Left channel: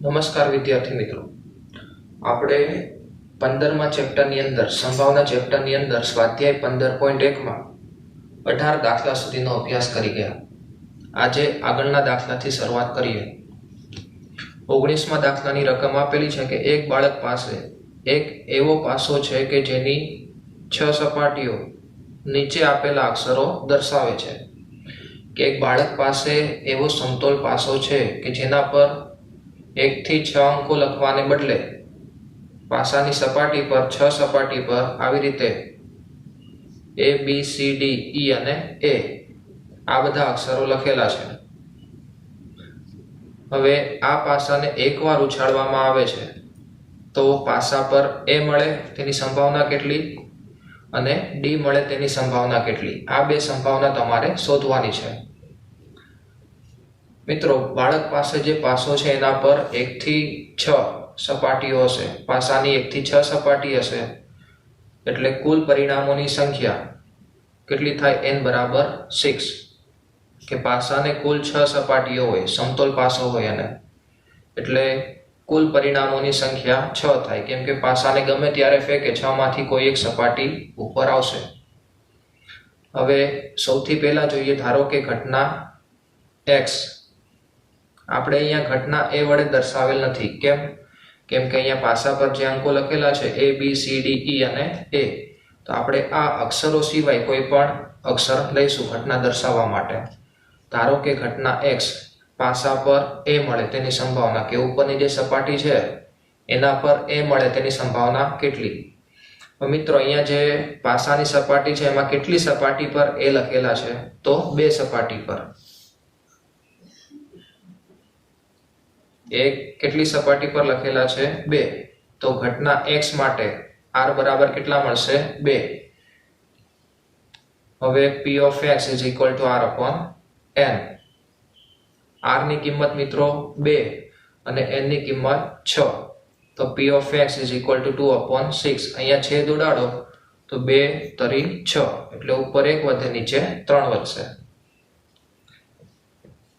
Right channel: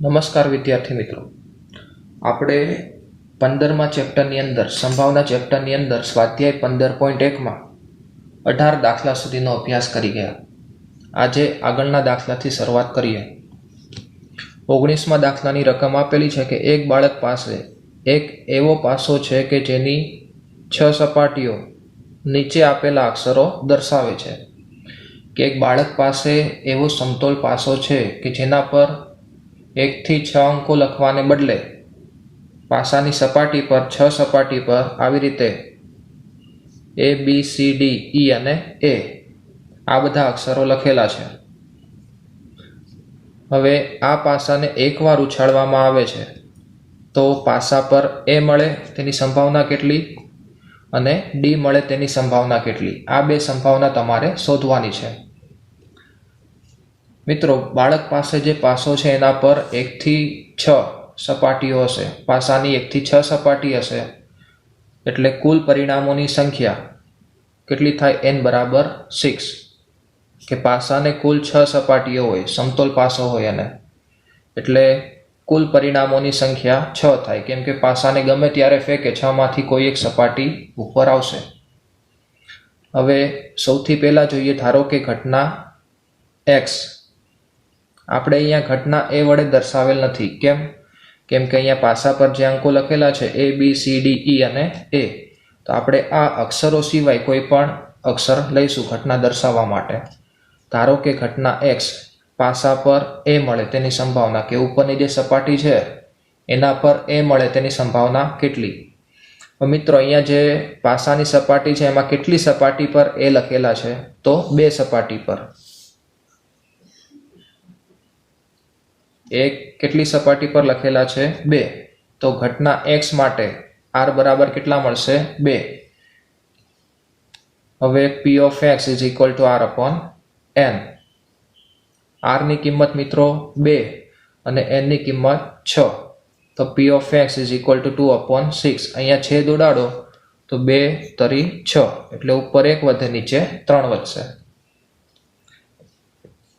નમસ્કાર વિદ્યાર્થી મિત્રો, આપણે 15મા ચેપ્ટરની અંદર સંભાવના ચેપ્ટરની અંદર સ્વાધ્યાય 15.1માં 18 દાખલા સુધીનો અભ્યાસ કરી ગયા. આજે આગળના દાખલાથી શરૂઆત કરીએ. 19મા દાખલાની રકમ આપેલી છે કે એક બાળક પાસે એક એવો પાસો છે કે જેની 6 સપાટીઓ નીચે આપેલા અક્ષરો દર્શાવે છે. કે એક બાળક પાસે એવો સમતોલ પાસો છે કે જેના પર 1 થી 6 અંકો લખવાને બદલે પાસાની સપાટી પર 6 સપાટી પર આવી રીતે A, B, C, D, E અને A આ બધા અક્ષરો લખેલા છે. હવે આ પાસાને એકવાર ઉછાળવામાં આવે છે તો પાસા પર A મળે તેની સંભાવના કેટલી અને D મળે તેની સંભાવના કેટલી, આ બે સંભાવના તમારે શોધવાની છે. મિત્રો, બાળક પાસે જે પાસો છે એના પર 1 થી 6 સપાટીઓ હશે. પાસાની 1 થી 6 સપાટી હશે એટલે કુલ પરિણામોની સંખ્યા કેટલી થાય? n બરાબર 6. કે પાસાને કુલ 6 સપાટીઓ હોય, સમતોલ પાસો હોય અને એટલે કુલ પરિણામોની સંખ્યા 6 થાય. કેમ કે પાસાને ગમે ત્યારે ફેંકે 6 માંથી કોઈ એક સપાટી ઉપર આવશે. હવે સૌથી પહેલા જોઈએ, ધારો કે ઘટના x આપણે અહીંયા ઘટના A વડે દર્શાવેલ નથી. કેમ કે અહીંયા પાસા પર જે અંકો લખેલા છે A, B, C, D, E અને A, તો આપણે આ અક્ષરો સિવાય કોઈ પણ અક્ષર લઈશું ઘટના દર્શાવવા માટે. ધારો કે ઘટના x પાસા પર A મળે તેની સંભાવના, કે ઉપરની જે સપાટી છે એના પર A મળે તેની સંભાવના કેટલી? મિત્રો, અહીંયા જે પાસાની સપાટી છે એમાં કેટલી સપાટી પર A લખેલા છે? તો 2 સપાટી પર. એક કેટલી સપાટી પર લખેલા છે? 2. તો ઘટના x માટે r બરાબર કેટલા મળશે? 2. હવે p of x is equal to r upon n. r ની કિંમત મિત્રો 2 અને n ની કિંમત 6. તો p of x is equal to 2 upon 6. અહીંયા છેદ ઉડાડો તો 2 તરી 6 એટલે ઉપર 1 વધે, નીચે 3 વધશે.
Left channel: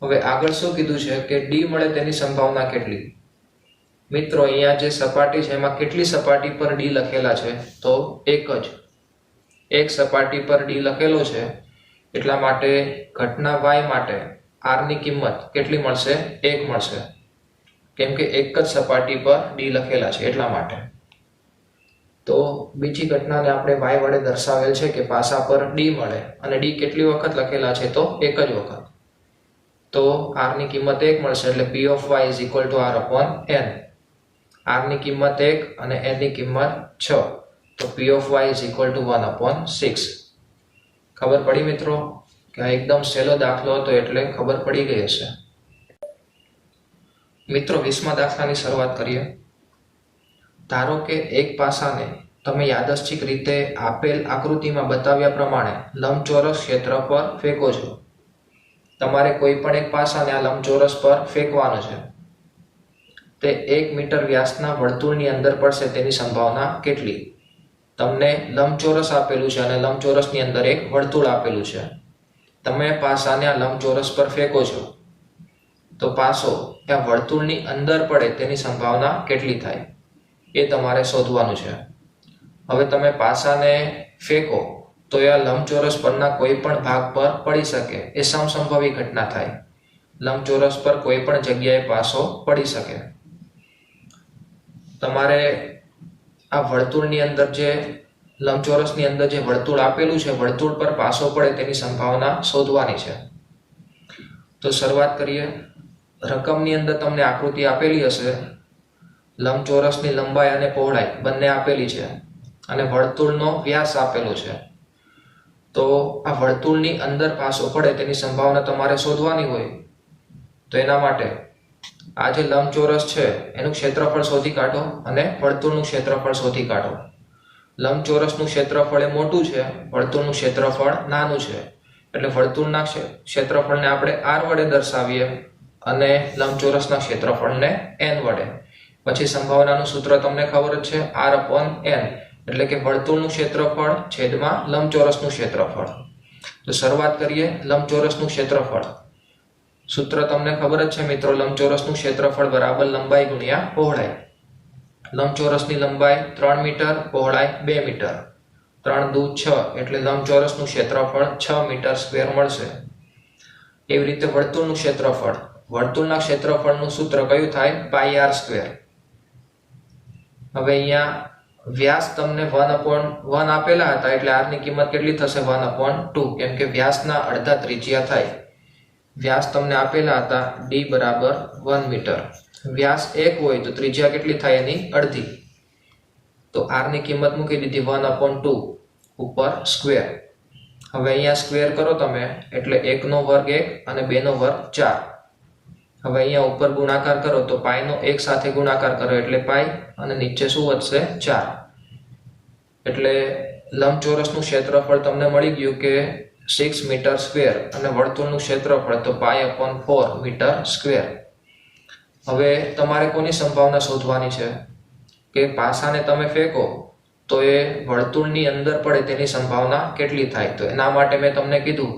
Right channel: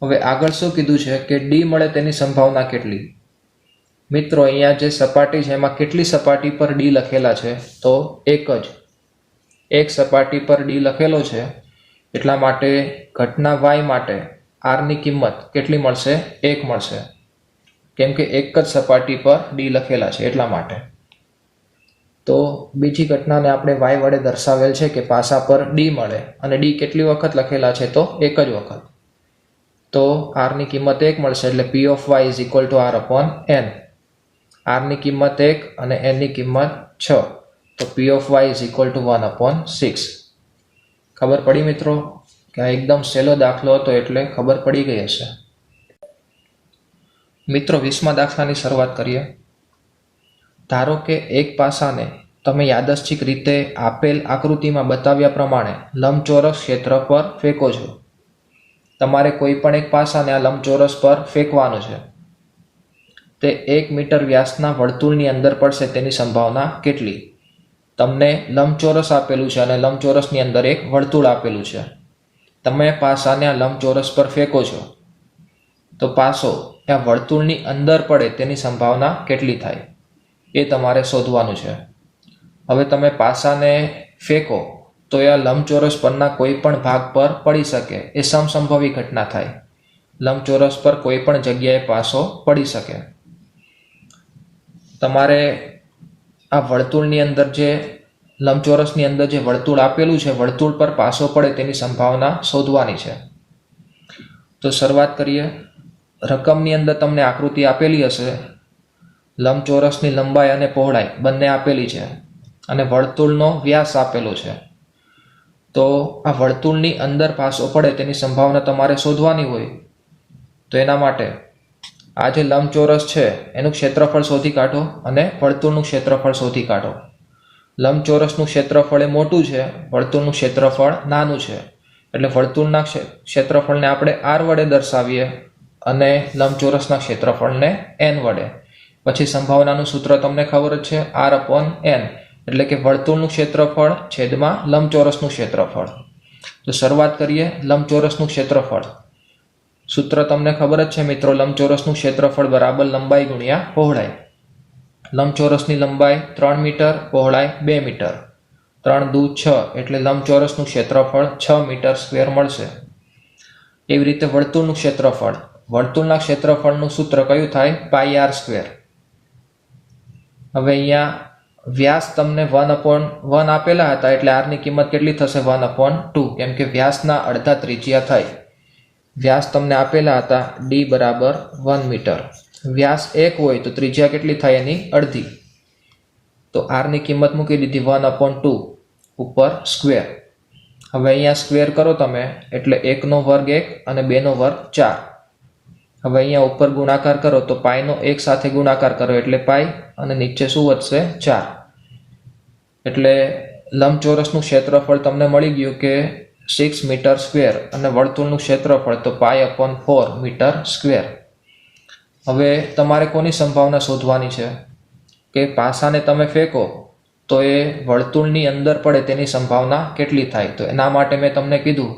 હવે આગળ શું કીધું છે કે D મળે તેની સંભાવના કેટલી? મિત્રો, અહીંયા જે સપાટી છે એમાં કેટલી સપાટી પર D લખેલા છે? તો એક જ. એક સપાટી પર D લખેલો છે એટલા માટે ઘટના y માટે r ની કિંમત કેટલી મળશે? 1 મળશે. કેમ કે એક જ સપાટી પર D લખેલા છે એટલા માટે. તો બીજી ઘટનાને આપણે y વડે દર્શાવેલ છે કે પાસા પર D મળે અને D કેટલી વખત લખેલા છે? તો એક જ વખત. તો r ની કિંમત 1 મળશે એટલે p of y is equal to r upon n. r ની કિંમત 1 અને n ની કિંમત 6. તો p of y is equal to 1 upon 6. ખબર પડી મિત્રો? કે આ એકદમ સહેલો દાખલો હતો એટલે ખબર પડી ગઈ હશે. મિત્રો, 20મા દાખલાની શરૂઆત કરીએ. ધારો કે એક પાસાને તમે યાદચ્છિક રીતે આપેલ આકૃતિમાં બતાવ્યા પ્રમાણે લંબચોરસ ક્ષેત્ર પર ફેંકો છો. તમારે કોઈ પણ એક પાસાને આ લંબચોરસ પર ફેંકવાનો છે. તે 1 મીટર વ્યાસના વર્તુળની અંદર પડશે તેની સંભાવના કેટલી? તમને લંબચોરસ આપેલું છે અને લંબચોરસની અંદર એક વર્તુળ આપેલું છે. તમે પાસાને આ લંબચોરસ પર ફેંકો છો તો પાસો ત્યાં વર્તુળની અંદર પડે તેની સંભાવના કેટલી થાય એ તમારે શોધવાનું છે. હવે તમે પાસાને ફેંકો તો એ લંબચોરસ પરના કોઈ પણ ભાગ પર પડી શકે, એ સમસંભવી ઘટના થાય. લંબચોરસ પર કોઈ પણ જગ્યાએ પાસો પડી શકે. તમારે આ વર્તુળની અંદર જે લંબચોરસની અંદર જે વર્તુળ આપેલું છે, વર્તુળ પર પાસો પડે તેની સંભાવના શોધવાની છે. તો શરૂઆત કરીએ. રકમની અંદર તમને આકૃતિ આપેલી હશે. લંબચોરસની લંબાઈ અને પહોળાઈ બંને આપેલી છે અને વર્તુળનો વ્યાસ આપેલો છે. તો આ વર્તુળની અંદર પાસો પડે તેની સંભાવના તમારે શોધવાની હોય. તો એના માટે આ જે લંબચોરસ છે એનું ક્ષેત્રફળ શોધી કાઢો અને વર્તુળનું ક્ષેત્રફળ શોધી કાઢો. લંબચોરસનું ક્ષેત્રફળ એ મોટું છે, વર્તુળનું ક્ષેત્રફળ નાનું છે. એટલે વર્તુળના ક્ષેત્રફળને આપણે r વડે દર્શાવીએ અને લંબચોરસના ક્ષેત્રફળને n વડે. પછી સંભાવનાનું સૂત્ર તમને ખબર જ છે, r upon n. એટલે કે વર્તુળનું ક્ષેત્રફળ છેદમાં લંબચોરસનું ક્ષેત્રફળ. તો શરૂઆત કરીએ લંબચોરસનું ક્ષેત્રફળ. સૂત્ર તમને ખબર જ છે મિત્રો, લંબચોરસનું ક્ષેત્રફળ બરાબર લંબાઈ ગુણ્યા પહોળાઈ. લંબચોરસની લંબાઈ 3 મીટર, પહોળાઈ 2 મીટર. 3 દુ 6 એટલે લંબચોરસનું ક્ષેત્રફળ 6 મીટર સ્ક્વેર મળશે. એવી રીતે વર્તુળનું ક્ષેત્રફળ, વર્તુળના ક્ષેત્રફળનું સૂત્ર કયું થાય? પાઈ આર સ્ક્વેર. હવે અહીંયા વ્યાસ તમને 1/1 આપેલા હતા એટલે આર ની કિંમત કેટલી થશે? 1/2, કેમ કે વ્યાસના અડધા ત્રિજ્યા થાય. વ્યાસ તમને આપેલા હતા ડી બરાબર 1 મીટર. વ્યાસ 1 હોય તો ત્રિજ્યા કેટલી થાય? એની અડધી. તો આર ની કિંમત મૂકી દીધી 1/2 ઉપર સ્ક્વેર. હવે અહીંયા સ્ક્વેર કરો તમે એટલે 1 નો વર્ગ 1 અને 2 નો વર્ગ 4. હવે અહીંયા ઉપર ગુણાકાર કરો તો પાઈનો 1 સાથે ગુણાકાર કરો એટલે પાઈ અને નીચે શું વધશે? 4. એટલે લંબચોરસનું ક્ષેત્રફળ તમને મળી ગયું કે 6 મીટર સ્ક્વેર અને વર્તુળનું ક્ષેત્રફળ તો π/4 મીટર સ્ક્વેર. હવે તમારે કોની સંભાવના શોધવાની છે કે પાસાને તમે ફેંકો તો એ વર્તુળની અંદર પડે તેની સંભાવના કેટલી થાય? તો એના માટે મેં તમને કીધું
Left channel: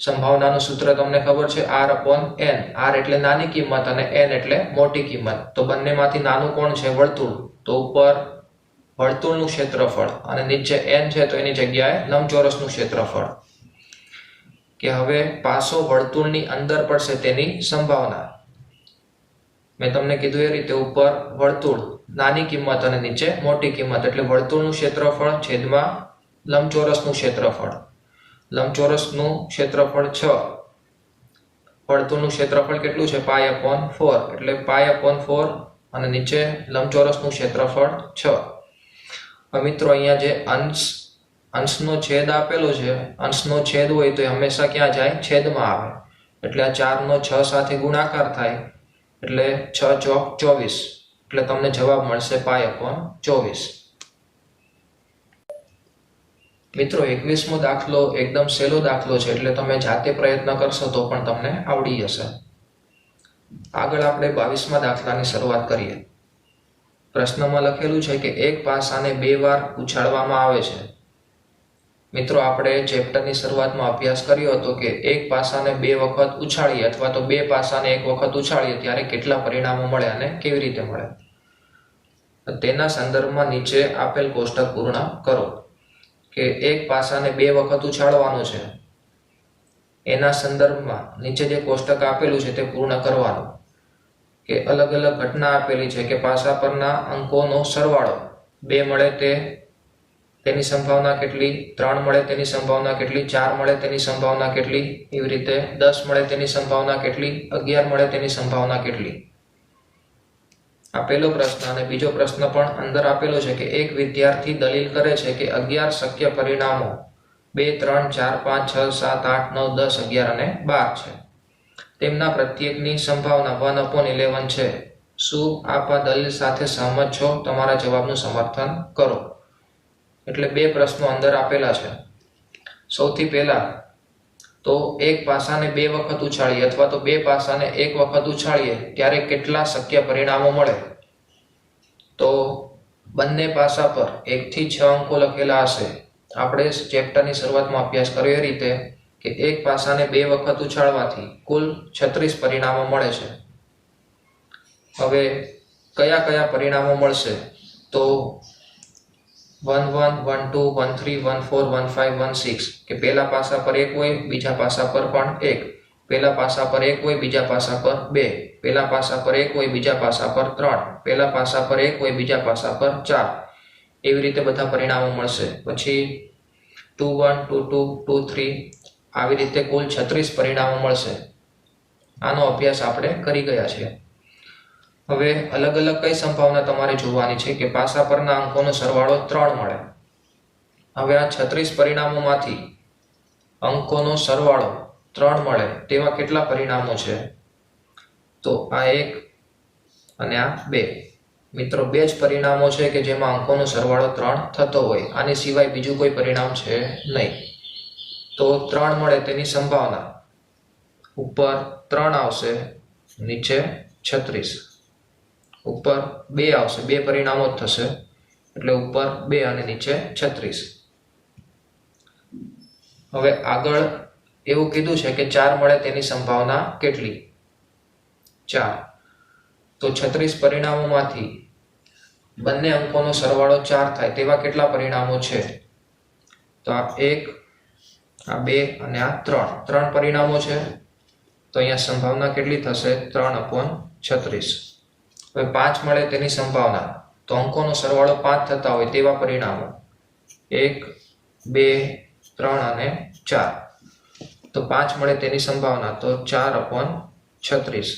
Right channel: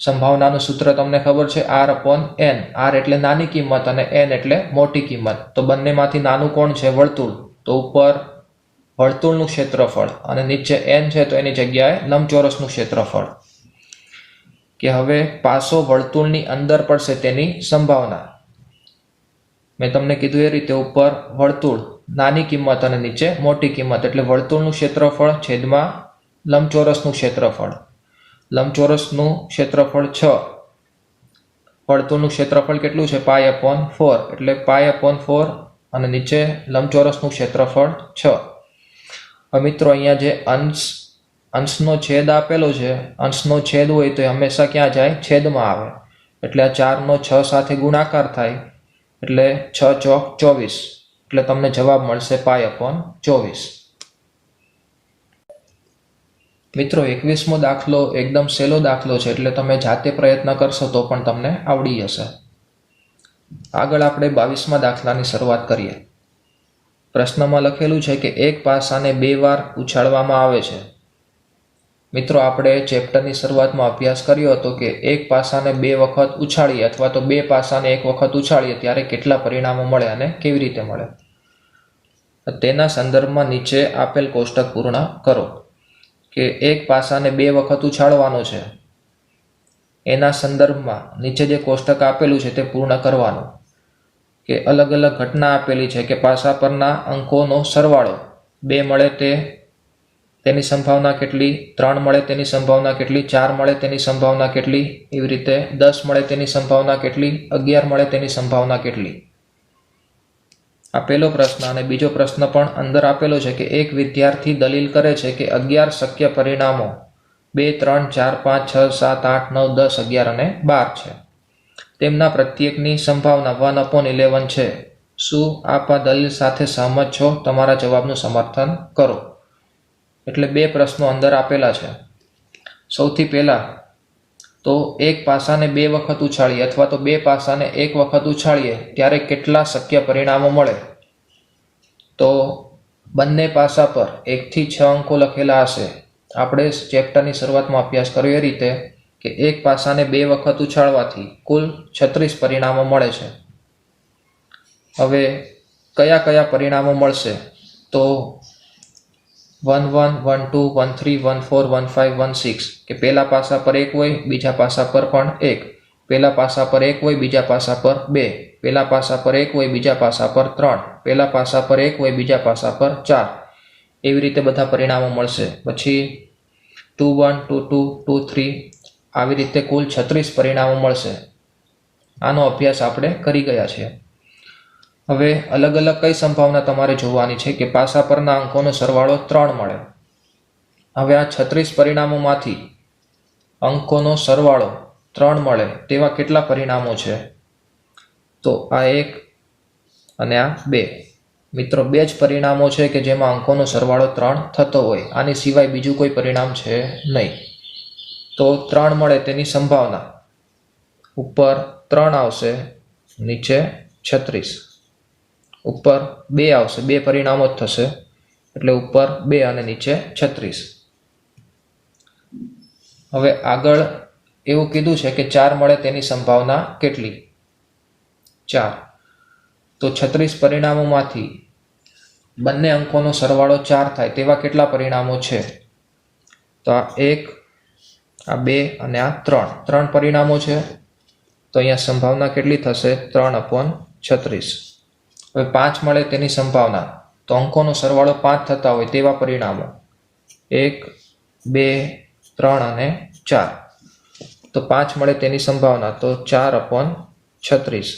સંભાવનાનું સૂત્ર તમને ખબર છે, r/n. r એટલે નાની કિંમત અને n એટલે મોટી કિંમત. તો બંનેમાંથી નાનું કોણ છે? વર્તુળ. તો ઉપર વર્તુળનું ક્ષેત્રફળ અને નીચે n છે તો એની જગ્યાએ લંબચોરસનું ક્ષેત્રફળ. કે હવે પાસો વર્તુળની અંદર પડશે તેની સંભાવના. મેં તમને કીધું એ રીતે ઉપર વર્તુળ નાની કિંમત અને નીચે મોટી કિંમત એટલે વર્તુળનું ક્ષેત્રફળ છેદમાં લંબચોરસનું ક્ષેત્રફળ. લંબચોરસનું ક્ષેત્રફળ 6, વર્તુળનું ક્ષેત્રફળ કેટલું છે? π/4 એટલે π/4 અને નીચે લંબચોરસનું ક્ષેત્રફળ 6. હવે મિત્રો અહીંયા જે અંશનો છેદ આપેલો છે, અંશનો છેદ હોય તો એ હંમેશા ક્યાં જાય? છેદમાં આવે. એટલે આ 4 નો 6 સાથે ગુણાકાર થાય એટલે 6 ચોક 24 એટલે તમને જવાબ મળશે π/24. મિત્રો 21મો દાખલો એકદમ સહેલો દાખલો છે એટલે તમે જાતે પ્રયત્ન કરશો તો પણ તમને આવડી જશે. આગળ આપણે 22મા દાખલાની શરૂઆત કરીએ. પ્રશ્નમાં લખેલું છે કે એક પાસાને 2 વાર ઉછાળવામાં આવે છે. મિત્રો આપણે ચેપ્ટરની શરૂઆતમાં અભ્યાસ કર્યો હતો કે એક પાસાને 2 વખત ઉછાળીએ અથવા તો 2 પાસાને 1 વખત ઉછાળીએ ત્યારે કેટલા પરિણામો મળે અને કેવી રીતે મળે. તેના સંદર્ભમાં નીચે આપેલ કોષ્ટક પૂર્ણ કરો. કે એક પાસાને 2 વખત ઉછાળવાનો છે એના સંદર્ભમાં નીચે જે કોષ્ટક આપેલું છે તે પૂર્ણ કરવાનું. કે અલગ અલગ ઘટના આપેલી છે કે પાસા પરના અંકોનો સરવાળો 2 મળે તેની સંભાવના કેટલી, 3 મળે તેની સંભાવના કેટલી, 4 મળે તેની સંભાવના કેટલી, એવી રીતે 10 મળે તેની સંભાવના કેટલી, 11 મળે તેની સંભાવના કેટલી. આ પહેલો પ્રશ્ન. અને બીજો પ્રશ્ન પણ અંદર આપેલો છે કે એક વિદ્યાર્થી દલીલ કરે છે કે 11 શક્ય પરિણામો 2, 3, 4, 5, 6, 7, 8, 9, 10, 11 અને 12 છે. તેમના પ્રત્યેકની સંભાવના 1/11 છે. શું આપ આ દલીલ સાથે સહમત છો? તમારા જવાબનું સમર્થન કરો. એટલે 2 પ્રશ્નો અંદર આપેલા છે. સૌથી પહેલા તો એક પાસાને 2 વખત ઉછાળીએ અથવા તો 2 પાસાને 1 વખત ઉછાળીએ ત્યારે કેટલા શક્ય પરિણામો મળે. તો બંને પાસા પર 1 થી 6 અંકો લખેલા હશે. આપણે ચેપ્ટરની શરૂઆતમાં અભ્યાસ કર્યો એ રીતે કે એક પાસાને 2 વખત ઉછાળવાથી કુલ 36 પરિણામો મળે છે. હવે કયા કયા પરિણામો મળશે? તો 1 1 1 2 1 3 1 4 1 5 1 6 કે પહેલા પાસા પર 1 હોય, બીજા પાસા પર પણ 1. પહેલા પાસા પર 1 હોય, બીજા પાસા પર 2. પહેલા પાસા પર 1 હોય, બીજા પાસા પર 3. પહેલા પાસા પર 1 હોય, બીજા પાસા પર 4. એવી રીતે બધા પરિણામો મળશે. પછી 2 1 2 2 2 3 આવી રીતે કુલ 36 પરિણામો મળશે. આનો અભ્યાસ આપણે કરી ગયા છીએ. હવે અલગ અલગ કઈ સંભાવના તમારે જોવાની છે કે પાસા પરના અંકોનો સરવાળો 3 મળે. હવે આ 36 પરિણામોમાંથી અંકોનો સરવાળો 3 મળે તેવા કેટલા પરિણામો છે? તો આ 1 અને આ 2. મિત્રો 2 જ પરિણામો છે કે જેમાં અંકોનો સરવાળો 3 થતો હોય. આની સિવાય બીજું કોઈ પરિણામ છે નહીં. તો 3 મળે તેની સંભાવના ઉપર 3 આવશે, નીચે 36. ઉપર 2 આવશે, 2 પરિણામો જ થશે એટલે ઉપર 2 અને નીચે 36. હવે આગળ એવું કીધું છે કે 4 મળે તેની સંભાવના કેટલી. 4. તો 36 પરિણામોમાંથી બંને અંકોનો સરવાળો 4 થાય તેવા કેટલા પરિણામો છે? તો આ 1, આ 2 અને આ 3 પરિણામો છે. તો અહીંયા સંભાવના કેટલી થશે? 3/36. હવે 5 મળે તેની સંભાવના, તો અંકોનો સરવાળો 5 થતા હોય તેવા પરિણામો 1, 2, 3 અને 4. તો 5 મળે તેની સંભાવના, તો 4/36.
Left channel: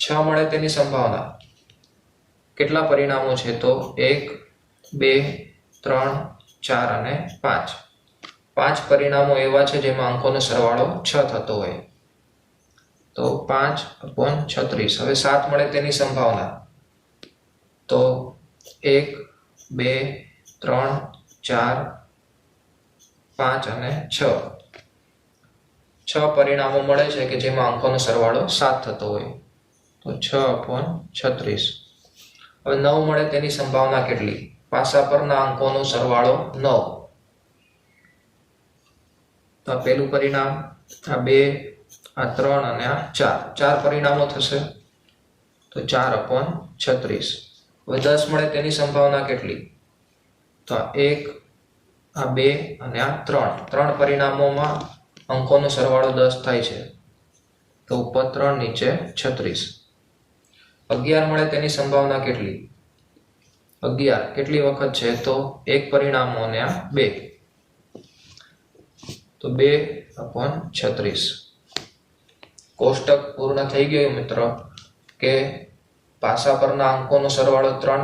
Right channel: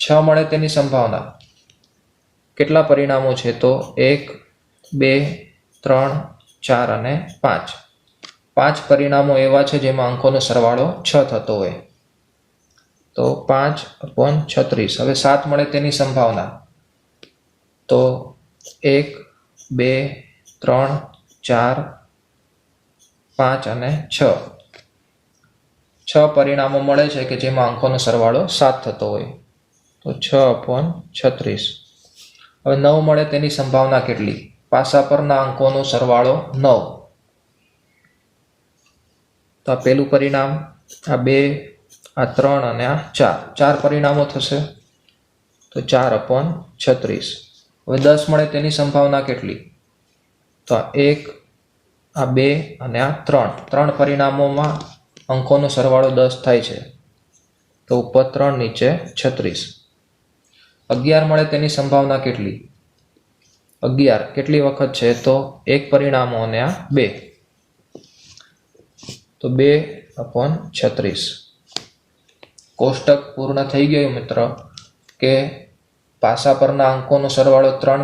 6 મળે તેની સંભાવના, કેટલા પરિણામો છે? તો 1, 2, 3, 4 અને 5. 5 પરિણામો એવા છે જેમાં અંકોનો સરવાળો 6 થતો હોય. તો 5/36. હવે 7 મળે તેની સંભાવના, તો 1, 2, 3, 4, 5 અને 6. 6 પરિણામો મળે છે કે જેમાં અંકોનો સરવાળો 7 થતો હોય. તો 6/36. હવે 9 મળે તેની સંભાવના કેટલી? પાસા પરના અંકોનો સરવાળો 9. તો આ પહેલું પરિણામ, આ 2, આ 3 અને આ 4. 4 પરિણામો થશે. તો 4/36. હવે 10 મળે તેની સંભાવના કેટલી? તો આ 1, આ 2 અને આ 3 પરિણામોમાં અંકોનો સરવાળો 10 થાય છે. તો ઉપર 3 નીચે 36. 11 મળે તેની સંભાવના કેટલી? 11 કેટલી વખત છે? તો 1 પરિણામો અને આ 2. તો 2/36. કોષ્ટક પૂર્ણ થઈ ગયું મિત્ર. કે પાસા પરના અંકોનો સરવાળો 3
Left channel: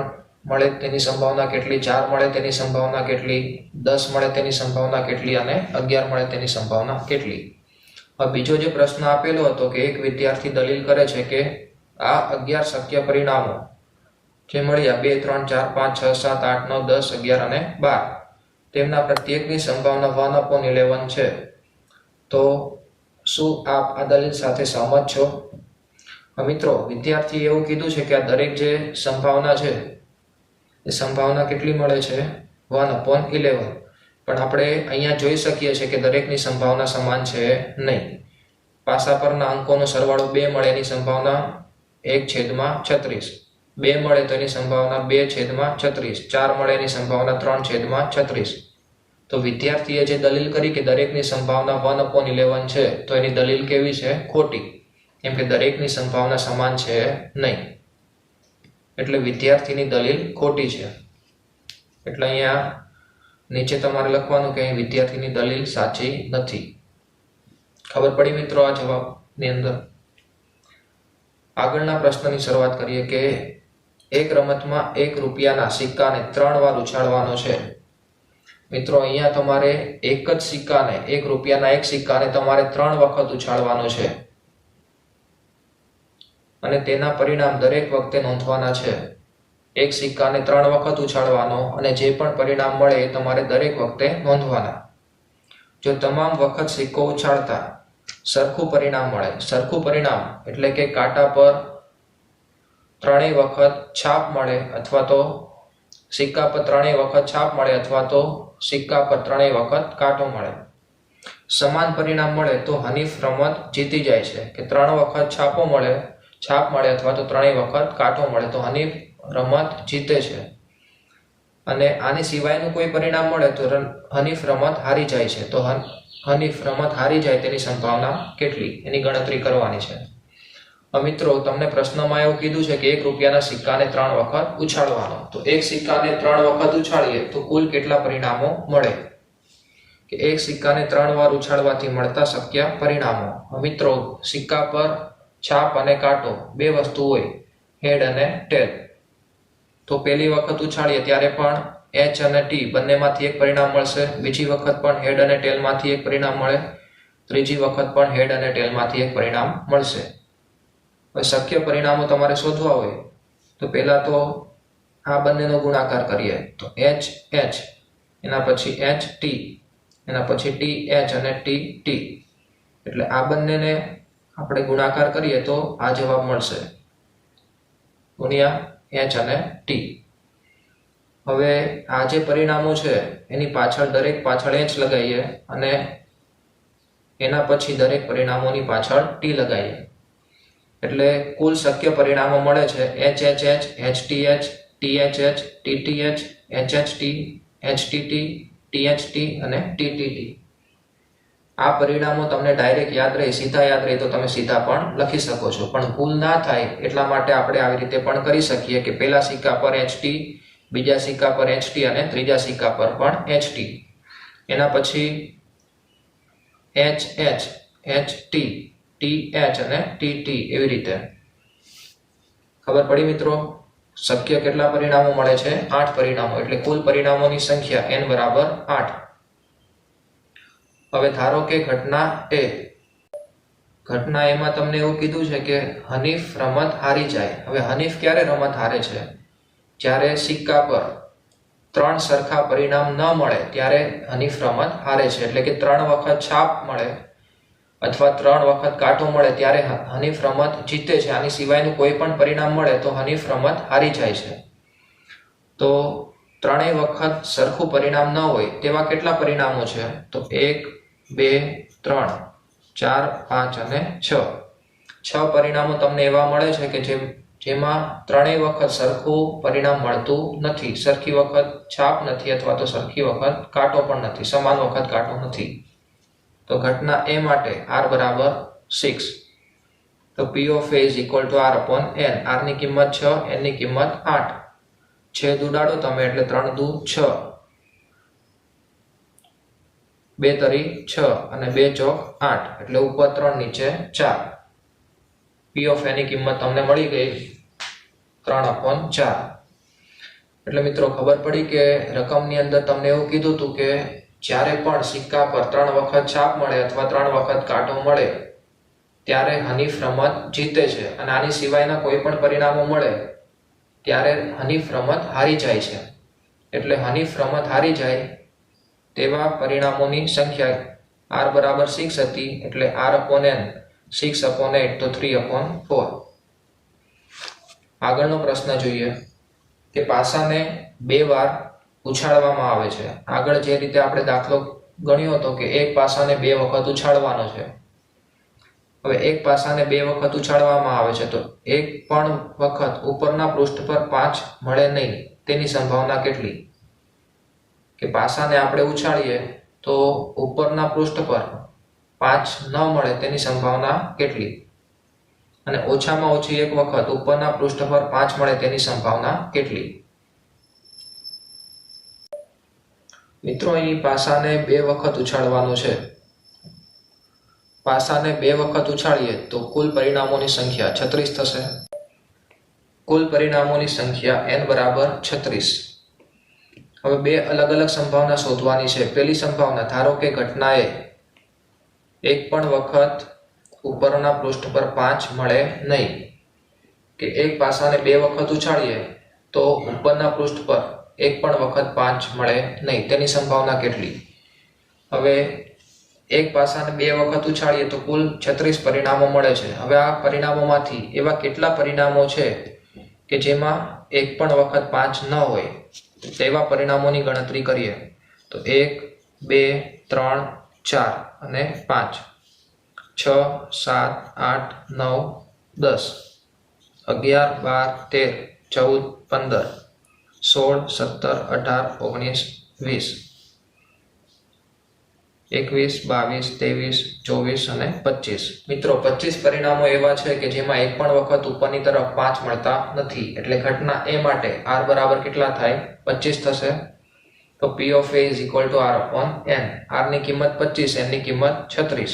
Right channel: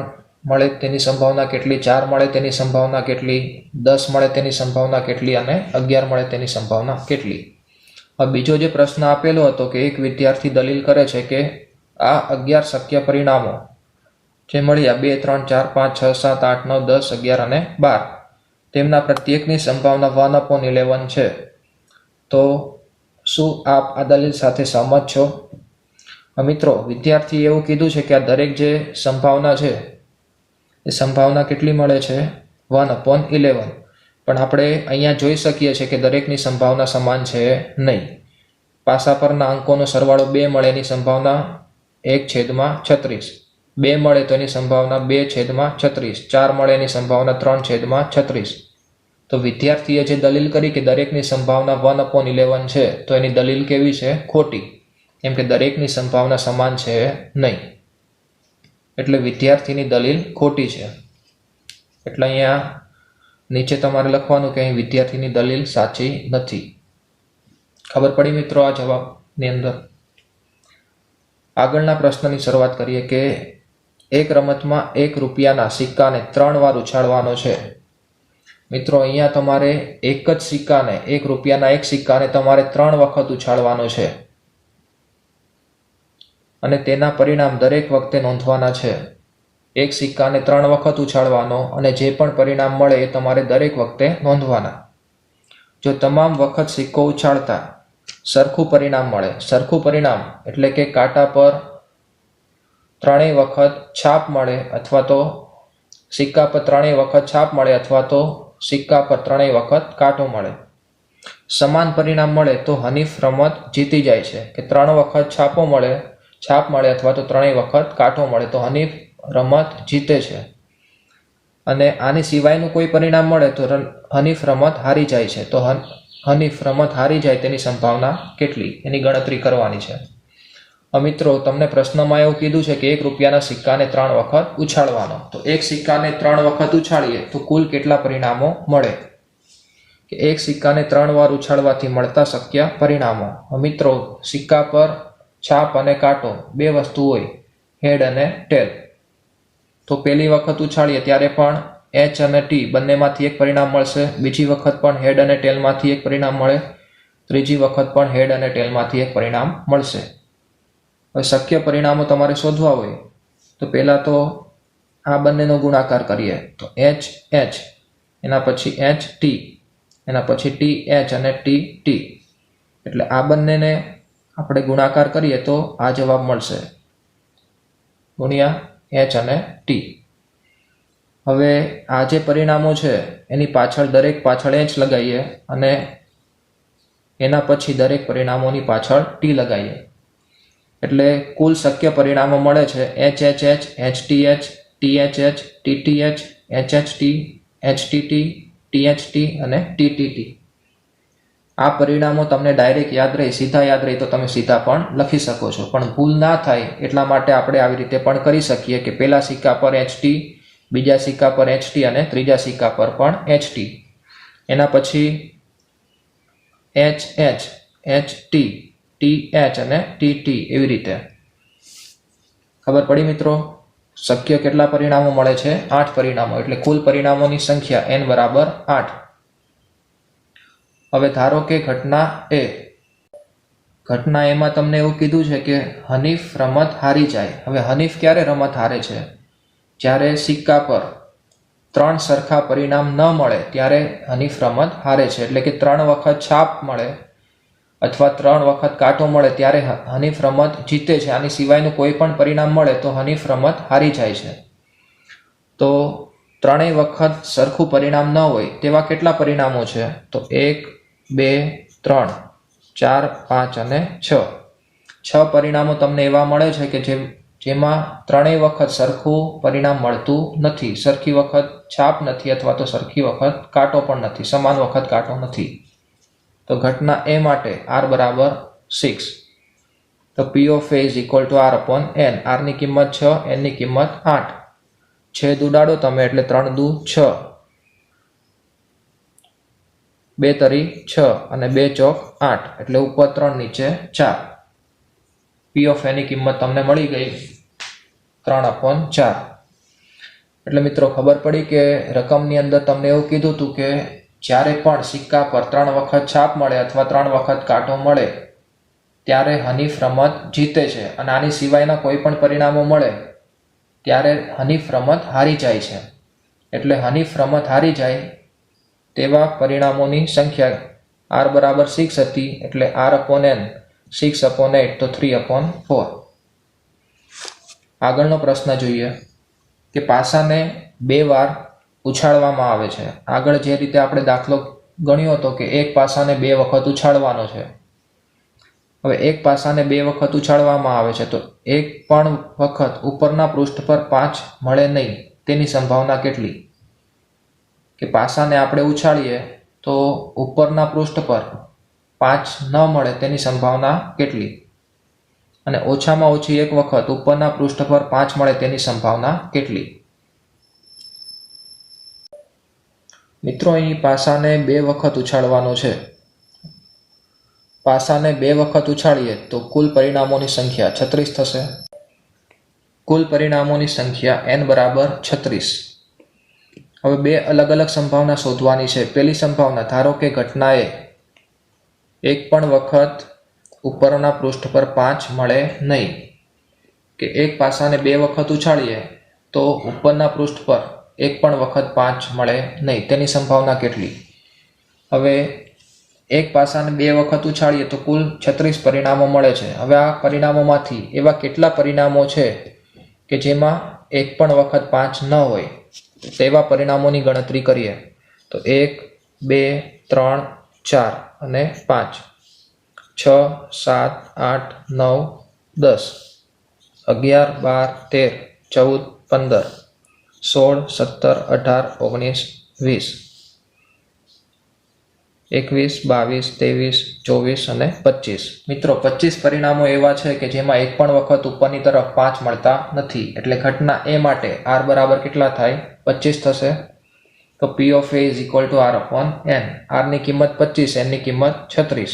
મળે તેની સંભાવના કેટલી, 4 મળે તેની સંભાવના કેટલી, 10 મળે તેની સંભાવના કેટલી અને 11 મળે તેની સંભાવના કેટલી. હવે બીજો જે પ્રશ્ન આપેલો હતો કે એક વિદ્યાર્થી દલીલ કરે છે કે આ 11 શક્ય પરિણામો જે મળ્યા 2, 3, 4, 5, 6, 7, 8, 9, 10, 11 અને 12, તેમના પ્રત્યેકની સંભાવના 1/11 છે. તો શું આપ આ દલીલ સાથે સહમત છો? મિત્રો, વિદ્યાર્થીએ એવું કીધું છે કે આ દરેક જે સંભાવના છે એ સંભાવના કેટલી મળે છે? 1/11. પણ આપણે અહીંયા જોઈ શકીએ છીએ કે દરેકની સંભાવના સમાન છે નહીં. પાસા પરના અંકોનો સરવાળો 2 મળે એની સંભાવના 1/36. 2 મળે તો એની સંભાવના 2/36. 4 મળે એની સંભાવના 3/36. તો વિદ્યાર્થીએ જે દલીલ કરી કે દરેકની સંભાવના 1/11 છે, તો એની દલીલ કેવી છે? ખોટી. કેમ કે દરેકની સંભાવના સમાન છે નહીં. એટલે વિદ્યાર્થીની દલીલ ખોટી છે. એટલે અહીંયા નીચે તમારે લખવાનું કે અહીં વિદ્યાર્થીની દલીલ સાચી નથી. ખબર પડી મિત્રો આ જવાબની અંદર? આગળના પ્રશ્નની શરૂઆત કરીએ કે એક રમતમાં 1 રૂપિયાના સિક્કાને 3 વાર ઉછાળવાનો છે. મિત્રો, અહીંયા તમારે એક જ સિક્કાને, 1 રૂપિયાના એક સિક્કાને તમારે 3 વખત ઉછાળવાનો છે અને તેના પરિણામ દરેક વખતે નોંધવાના છે. એક સિક્કાને 3 વખત ઉછાળવાનો અને જે પણ પરિણામ મળે એ તમારે દરેક વખતે નોંધવાના. જો તમામ વખત સિક્કો ઉછાળતા સરખું પરિણામ મળે, સરખું પરિણામ એટલે કે કાંટા પર 3 વખત છાપ મળે અથવા તો સિક્કા પર 3 વખત છાપ મળે અથવા તો સિક્કા પર 3 વખત કાંટો મળે. સમાન પરિણામ મળે તો હનીફ રમત જીતી જાય છે. કે 3 વખત છાપ મળે અથવા તો 3 વખત કાંટો મળે તો હનીફ રમત જીતે છે. અને આની સિવાયનું કોઈ પરિણામ મળે તો હનીફ રમત હારી જાય છે. તો હનીફ રમત હારી જાય તેની સંભાવના કેટલી, એની ગણતરી કરવાની છે. મિત્રો, તમને પ્રશ્નમાં એવું કીધું છે કે 1 રૂપિયાના સિક્કાને 3 વખત ઉછાળવાનો. તો એક સિક્કાને 3 વખત ઉછાળીએ તો કુલ કેટલા પરિણામો મળે? કે એક સિક્કાને 3 વાર ઉછાળવાથી મળતા શક્ય પરિણામો. મિત્રો, સિક્કા પર છાપ અને કાંટો 2 વસ્તુ હોય, હેડ અને ટેલ. તો પહેલી વખત ઉછાળીએ ત્યારે પણ H અને T બંનેમાંથી એક પરિણામ મળશે. બીજી વખત પણ હેડ અને ટેલમાંથી એક પરિણામ મળે. ત્રીજી વખત પણ હેડ અને ટેલમાંથી એક પરિણામ મળશે. હવે શક્ય પરિણામો તમારે શોધવા હોય તો પહેલા તો આ બંનેનો ગુણાકાર કરીએ. તો H H, એના પછી H T, એના પછી T H અને T T. એટલે આ બંનેને આપણે ગુણાકાર કરીએ તો આ જવાબ મળશે, ગુણ્યા H અને T. હવે આ જે પરિણામો છે એની પાછળ દરેક પાછળ H લગાવીએ અને એના પછી દરેક પરિણામોની પાછળ T લગાવીએ. એટલે કુલ શક્ય પરિણામો મળે છે HHH, HTH, THH, TTH, HHT, HTT, THT અને TTT. આ પરિણામો તમને ડાયરેક્ટ યાદ રહે, સીધા યાદ રહે તો તમે સીધા પણ લખી શકો છો, પણ ભૂલ ના થાય એટલા માટે આપણે આવી રીતે પણ કરી શકીએ કે પહેલા સિક્કા પર HT, બીજા સિક્કા પર HT અને ત્રીજા સિક્કા પર પણ HT. એના પછી HH, HT, TH અને TT એવી રીતે. ખબર પડી મિત્રો? શક્ય કેટલા પરિણામો મળે છે? 8 પરિણામો, એટલે કુલ પરિણામોની સંખ્યા n બરાબર 8. હવે ધારો કે ઘટના A. ઘટના એમાં તમને એવું કીધું છે કે હનીફ રમત હારી જાય. હવે હનીફ ક્યારે રમત હારે છે? જ્યારે સિક્કા પર 3 સરખા પરિણામ ન મળે ત્યારે હનીફ રમત હારે છે. એટલે કે 3 વખત છાપ મળે અથવા 3 વખત કાંટો મળે ત્યારે હનીફ રમત જીતે છે. આની સિવાયનું કોઈ પણ પરિણામ મળે તો હનીફ રમત હારી જાય છે. તો 3 વખત સરખું પરિણામ ન હોય તેવા કેટલા પરિણામો છે? તો 1, 2, 3, 4, 5 અને 6. 6 પરિણામો તમને એવા મળે છે કે જેમાં 3 વખત સરખું પરિણામ મળતું નથી, સરખી વખત છાપ નથી અથવા તો સરખી વખત કાંટો પણ નથી, સમાન વખત કાંટો નથી. તો ઘટના A માટે R બરાબર 6. તો P of A is equal to R upon N. R ની કિંમત 6, N ની કિંમત 8. છેદ ઉડાડો તમે એટલે 3 દુ 6, 2 તરી 6 અને 2 ચોક 8, એટલે ઉપર 3 નીચે 4. P of A ની કિંમત તમને મળી ગઈ 3/4. એટલે મિત્રો ખબર પડી કે રકમની અંદર તમને એવું કીધું હતું કે જ્યારે પણ સિક્કા પર 3 વખત છાપ મળે અથવા 3 વખત કાંટો મળે ત્યારે હનીફ રમત જીતે છે, અને આની સિવાયના કોઈ પણ પરિણામો મળે ત્યારે હનીફ રમત હારી જાય છે. એટલે હનીફ રમત હારી જાય તેવા પરિણામોની સંખ્યા R બરાબર 6 હતી, એટલે R/N 6/8 તો 3/4. આગળનો પ્રશ્ન જોઈએ કે પાસાને 2 વાર ઉછાળવામાં આવે છે. આગળ જે રીતે આપણે દાખલો ગણ્યો હતો કે એક પાસાને 2 વખત ઉછાળવાનો છે. હવે એક પાસાને 2 વખત ઉછાળવામાં આવે છે તો એક પણ વખત ઉપરના પૃષ્ઠ પર 5 મળે નહીં તેની સંભાવના કેટલી? કે પાસાને આપણે ઉછાળીએ તો ઉપરના પૃષ્ઠ પર 5 ન મળે તેની સંભાવના કેટલી? અને ઓછામાં ઓછી એક વખત ઉપરના પૃષ્ઠ પર 5 મળે તેની સંભાવના કેટલી? મિત્રો અહીં પાસાને 2 વખત ઉછાળવાનું છે. પાસાને 2 વખત ઉછાળીએ તો કુલ પરિણામોની સંખ્યા 36 થશે. કુલ પરિણામોની સંખ્યા n બરાબર 36. હવે 2 અલગ અલગ સંભાવના શોધવાની છે. પહેલી સંભાવના, ધારો કે ઘટનાએ એક પણ વખત ઉપરના પૃષ્ઠ પર 5 મળે નહીં, કે એક પાસાને 2 વખત ઉછાળીએ તો ઉપરના પૃષ્ઠ પર એક પણ વખત 5 મળે નહીં તેની સંભાવના કેટલી? હવે એક પાસાને 2 વખત ઉછાળીએ તો કુલ 36 પરિણામો મળે છે. હવે આ પરિણામોમાંથી એવા કેટલા પરિણામો છે કે જેમાં એક પણ વખત 5 ન હોય તેવા પરિણામોની ગણતરી કરીએ. તો 1, 2, 3, 4 અને 5, 6, 7, 8, 9, 10, 11, 12, 13, 14, 16, 17, 18, 19, 20, 21, 22, 23 અને 25. મિત્રો 25 પરિણામો એવા છે કે જેમાં એક પણ વખત ઉપરની તરફ 5 મળતા નથી. એટલે ઘટના A માટે R બરાબર કેટલા થાય? 25 થશે. તો P of A is equal to R/N. R ની કિંમત 25, N ની કિંમત 36.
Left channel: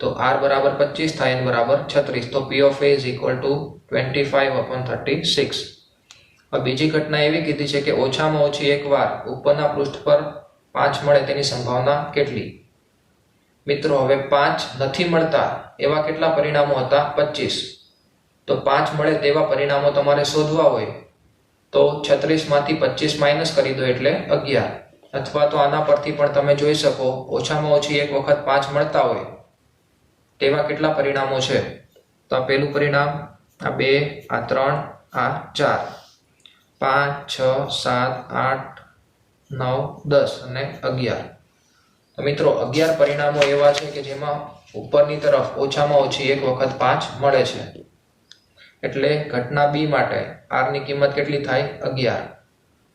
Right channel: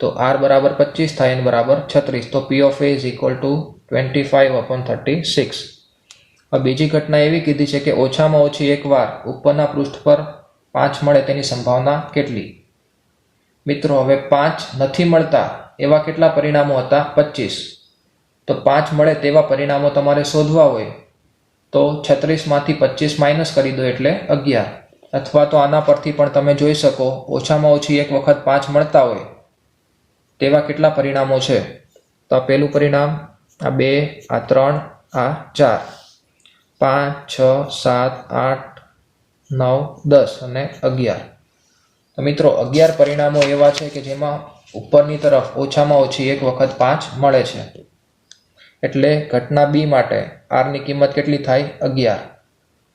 તો R બરાબર 25 થાય, N બરાબર 36. તો P of A is equal to 25/36. હવે બીજી ઘટના એવી કીધી છે કે ઓછામાં ઓછી એક વાર ઉપરના પૃષ્ઠ પર 5 મળે તેની સંભાવના કેટલી? મિત્રો હવે 5 નથી મળતા એવા કેટલા પરિણામો હતા? 25. તો 5 મળે તેવા પરિણામો તમારે શોધવા હોય તો 36 માંથી 25 માઇનસ કરી દો એટલે 11. અથવા તો આના પરથી પણ તમે જોઈ શકો ઓછામાં ઓછી એક વખત 5 મળતા હોય તેવા કેટલા પરિણામો છે? તો આ પહેલું પરિણામ, આ 2, આ 3, આ 4, 5, 6, 7, 8, 9, 10 અને 11. તો મિત્રો 11 પરિણામો એવા છે કે જેમાં ઉપરની તરફ ઓછામાં ઓછી એક વખત 5 મળે છે. એટલે ઘટના બી માટે આરની કિંમત કેટલી થાય? 11.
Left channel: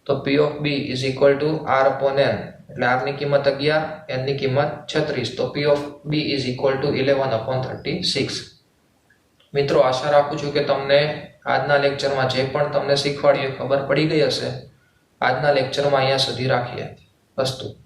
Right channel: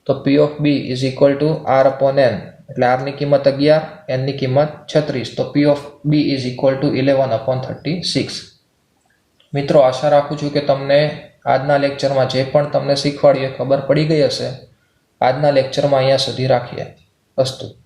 તો P of B is equal to R upon N. એટલે આરની કિંમત 11, એનની કિંમત 36. તો P of B is equal to 11 upon 36. મિત્રો, આશા રાખું છું કે તમને આજના લેક્ચરમાં જે પણ તમને શીખવાડીએ ખબર પડી ગઈ હશે. આજના લેક્ચરમાં અહીંયા સુધી રાખીએ. અસ્તુ.